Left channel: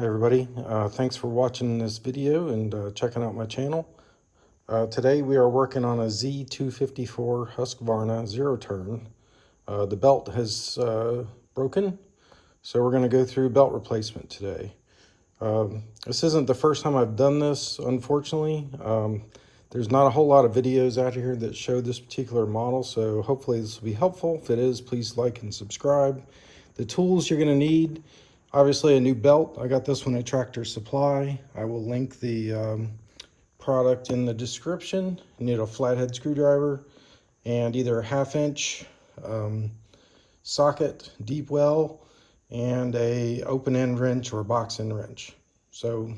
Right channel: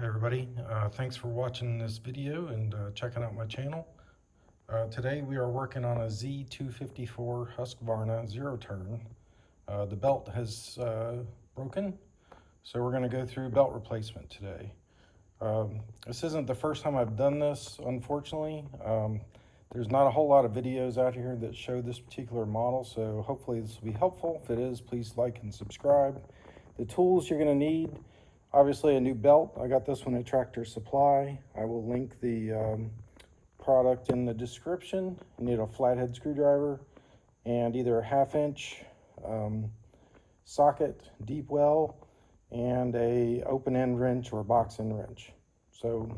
Hey everybody, thanks for watching this video and checking out my channel. Today we are working on a Z254 Husqvarna zero turn. The belt has broken, so we're going to go through belt replacement today. This isn't the first time I've done this, unfortunately. There's not a whole lot of videos out here that show this particular model, so hopefully this will be helpful. If it is, please like and subscribe. The tools you're going to need: obviously a new belt. I got this one at Tractor Supply. I will link the product in the description. You need a flathead screwdriver and either a 1/2 inch socket, deep well, and a open end wrench or box end wrench. So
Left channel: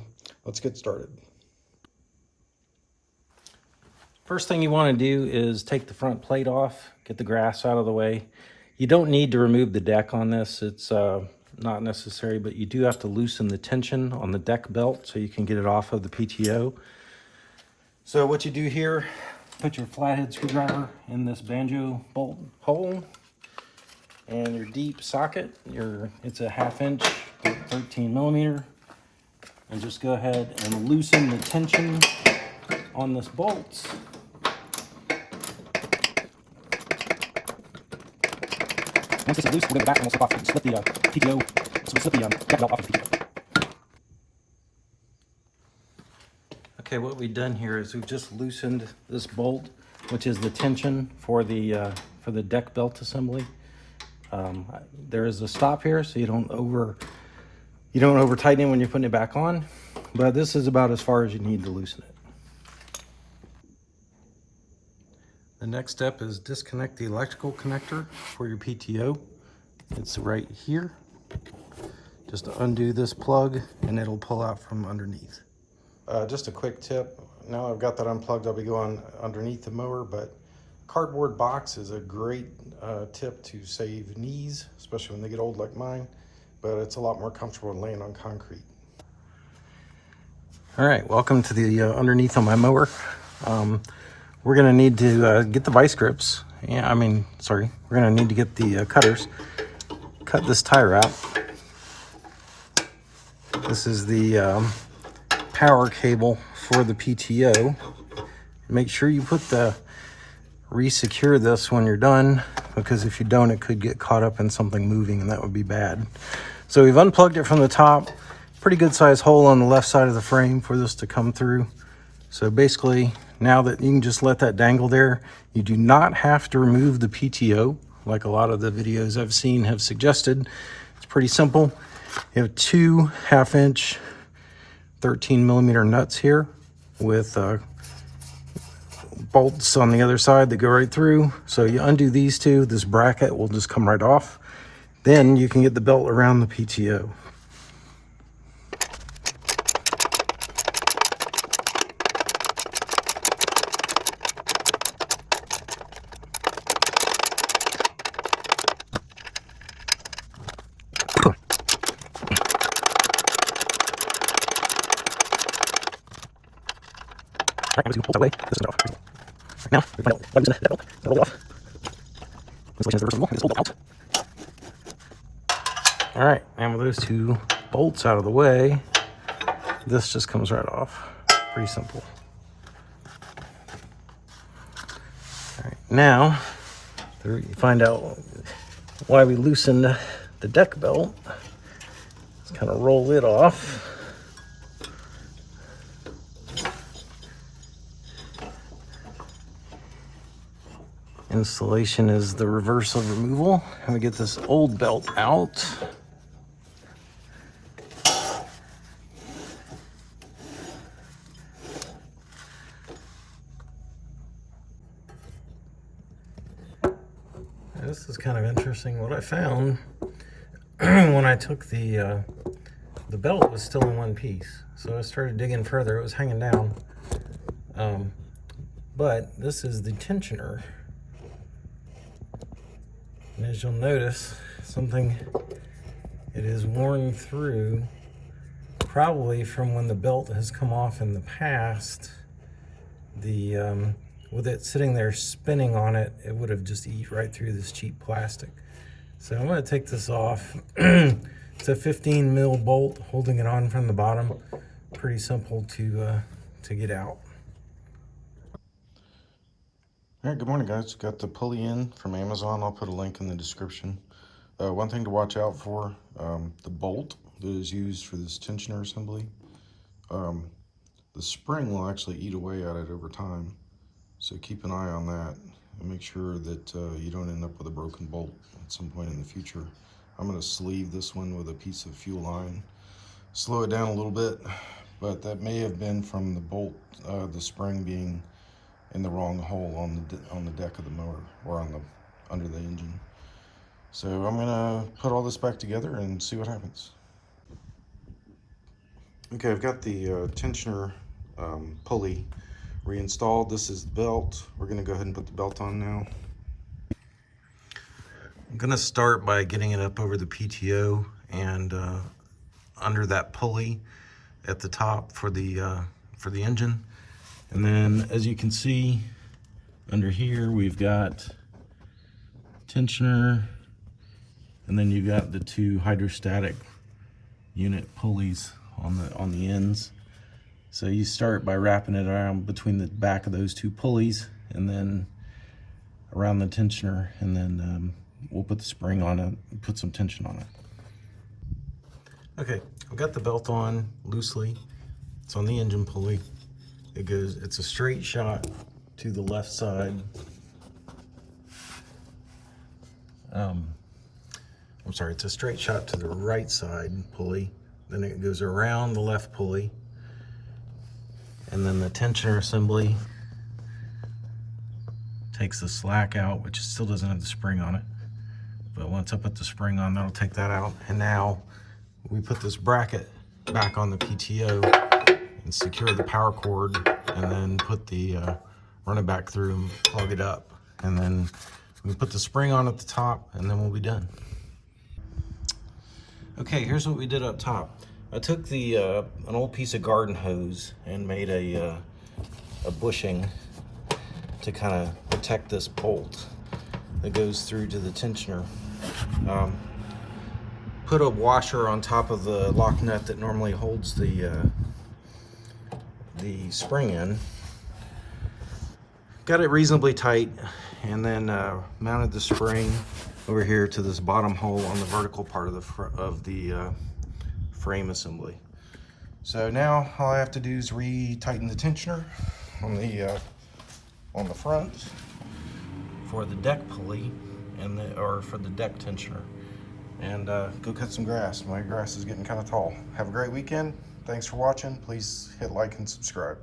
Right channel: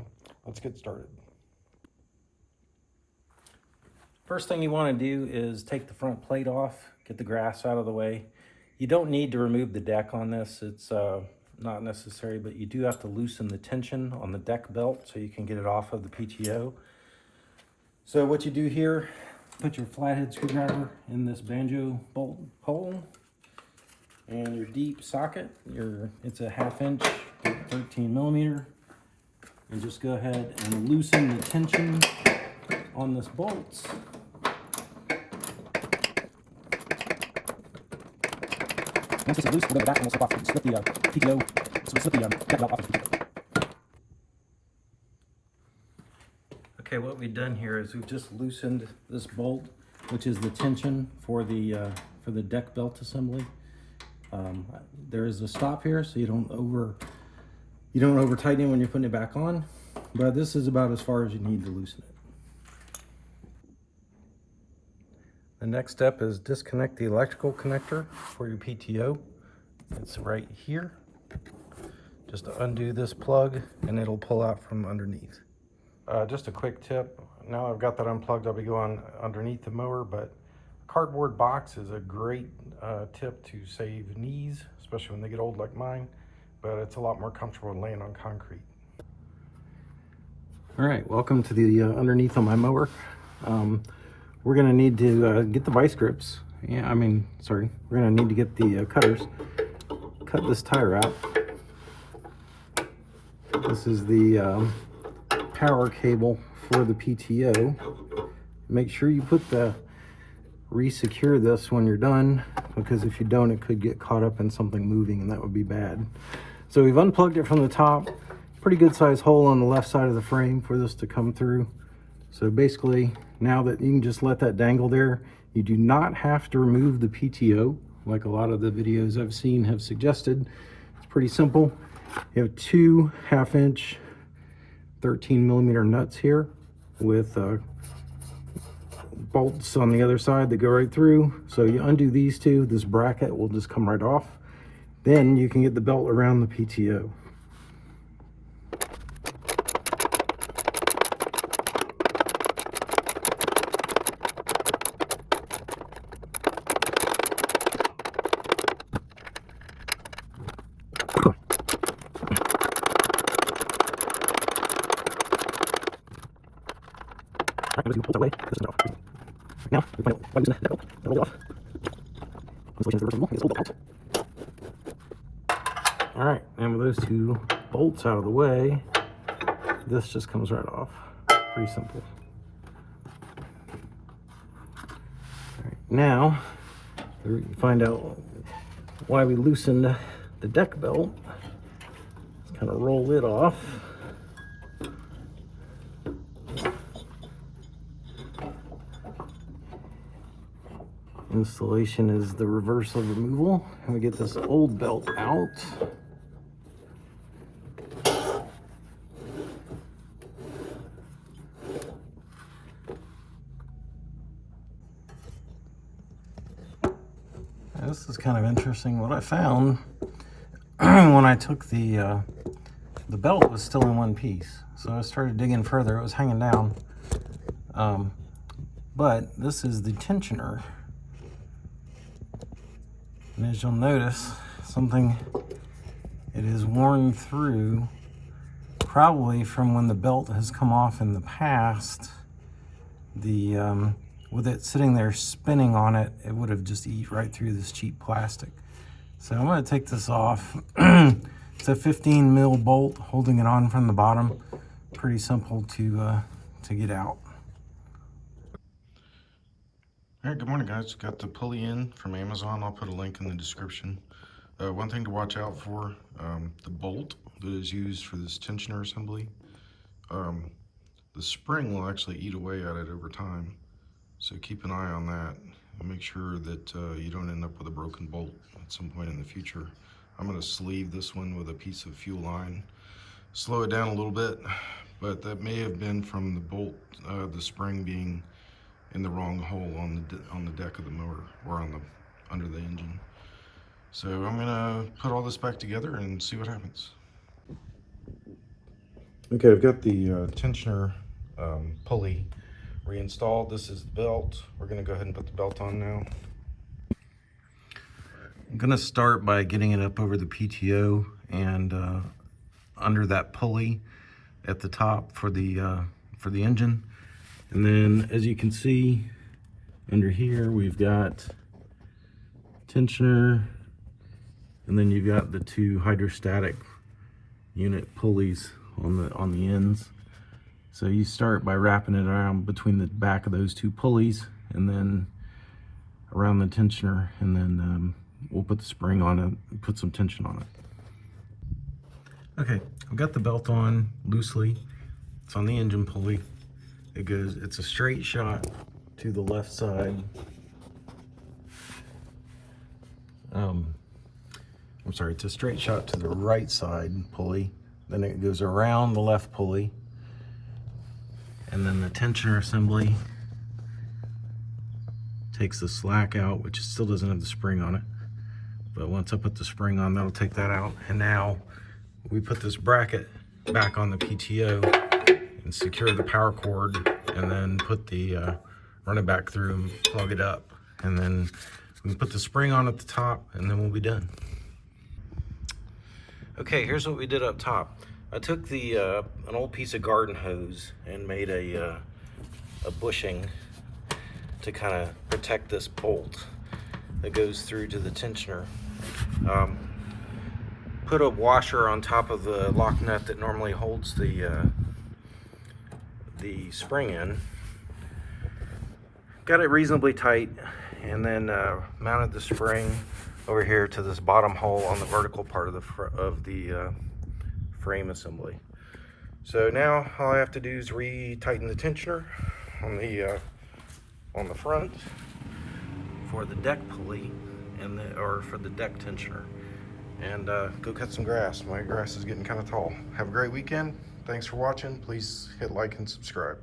let's get started. First thing you want to do is take the front plate off, get the grass out of the way. You don't need to remove the deck on this. It's not necessary, but you do have to loosen the tension on the deck belt so you can get it off of the PTO. So what you do here, put your flathead screwdriver in this banjo bolt hole and your deep socket. It's a 1/2 inch, 13 millimeter, and just go ahead and loosen the tension on this bolt. Once this is loose, we'll go back and we'll slip the PTO, so we'll slip the deck belt off of the PTO. Okay, what we've done here is we've just loosened this bolt, which is the tension for the deck belt assembly. There is a stop here, so you don't over tighten it when you're putting it back on, but this is about as far as you need to loosen it. The next step is disconnect the electrical connector for your PTO. It's right here. Just undo this plug and it'll pull out from underneath. Just a quick tip. Now I've got that unplugged, I'll be going underneath the mower, but a cardboard box is a great tip to save knees, especially when they get old like mine, but it's a lot more comfortable than laying on concrete. All right, welcome to the underneath on my mower. We're gonna need to get the vice grips. We're gonna need to get the cutters. Cut this tire out. This is the power cable for the PTO. Make sure you re-secure this when you're done, because if you don't, it could get caught up in something moving and that would be bad. So we've unplugged it from the top. Pretty good size hole on the left side of the frame for this to come through. So basically, now that you can just let that dangle there, you do not have to remove the PTO like a lot of the videos I've seen have suggested. It's pretty simple. You have two 1/2 inch 13 millimeter nuts here with bolts on the other side that go right through. So you undo these two, this bracket will just come right off. Then you can get the belt around the PTO. All right, I'm just going to pull that away. This is off. Right now, we find out what is in that belt. Roll it off. Installation is reversible. Just pull the bolt out. All right, and with those two bolts out of the way, this just comes right off. Pretty simple. All right, now you find out why we loosened the deck belt. Just kind of roll it off. Installation is the reverse of removal, and we get this old belt out. This is kind of interesting. What I found when I took the belt was still in one piece, so I started digging further. It was hanging down, but this is the tensioner. And as you'll notice, it is worn through, probably from when the belt has come off in the past. With it sitting there spinning on it, it would have just eat right through this cheap plastic. So I'm going to take this off. It's a 15 mil bolt holding it on from the bottom. Pretty simple to get out. All right, good morning, guys. Got the pulley in from Amazon. I'll put a link in the description. One thing to watch out for, the bolt that is used for this tensioner assembly. The spring will actually eat away at it over time. So keep an eye on that and make sure that you don't end up with a broken bolt at some point in the future. I'm going to sleeve this one with a piece of fuel line, slow it down a little bit, but that may have been from the bolt, the spring being in the wrong hole on the deck of the motor or under the engine. So I'm gonna put all this back together and see what happens. Okay, I've got the tensioner pulley reinstalled. This is the belt. We're gonna go ahead and put the belt on now. I'm gonna start by getting it up over the PTO and under that pulley at the top for the engine. And then, as you can see, under here we've got tensioner, and then you've got the two hydrostatic unit pulleys on the ends. So you start by wrapping it around between the back of those two pulleys, and then around the tensioner, and then we'll put the spring on it and put some tension on it. Okay, I've got the belt on loosely. It's on the engine pulley. It's a straight shot to the left side. I'm sorry, it's a straight shot to the right side pulley. Then it goes around the left pulley. And then the tensioner assembly takes the slack out, which still doesn't have the spring on it. But once I put the spring on, that'll take that out. And now we put this bracket back on the PTO and secure the power cord, and then put the run it back through and plug it up, and then we put the spring on at the top, and then we'll be done. Okay, here's what we did up top. I took the an old piece of garden hose and made a bushing to kind of protect this bolt that goes through to the tensioner. Put a washer on top of the lock nut that normally holds the spring in. Got it reasonably tight, and then mounted the spring over here to this bottom hole on the vertical part of the frame assembly. So now all I have to do is re-tighten the tensioner on the front for the deck pulley or for the deck tensioner, and go cut some grass. My grass is getting kind of tall. Have a great weekend. Thanks for watching. Please hit like and subscribe.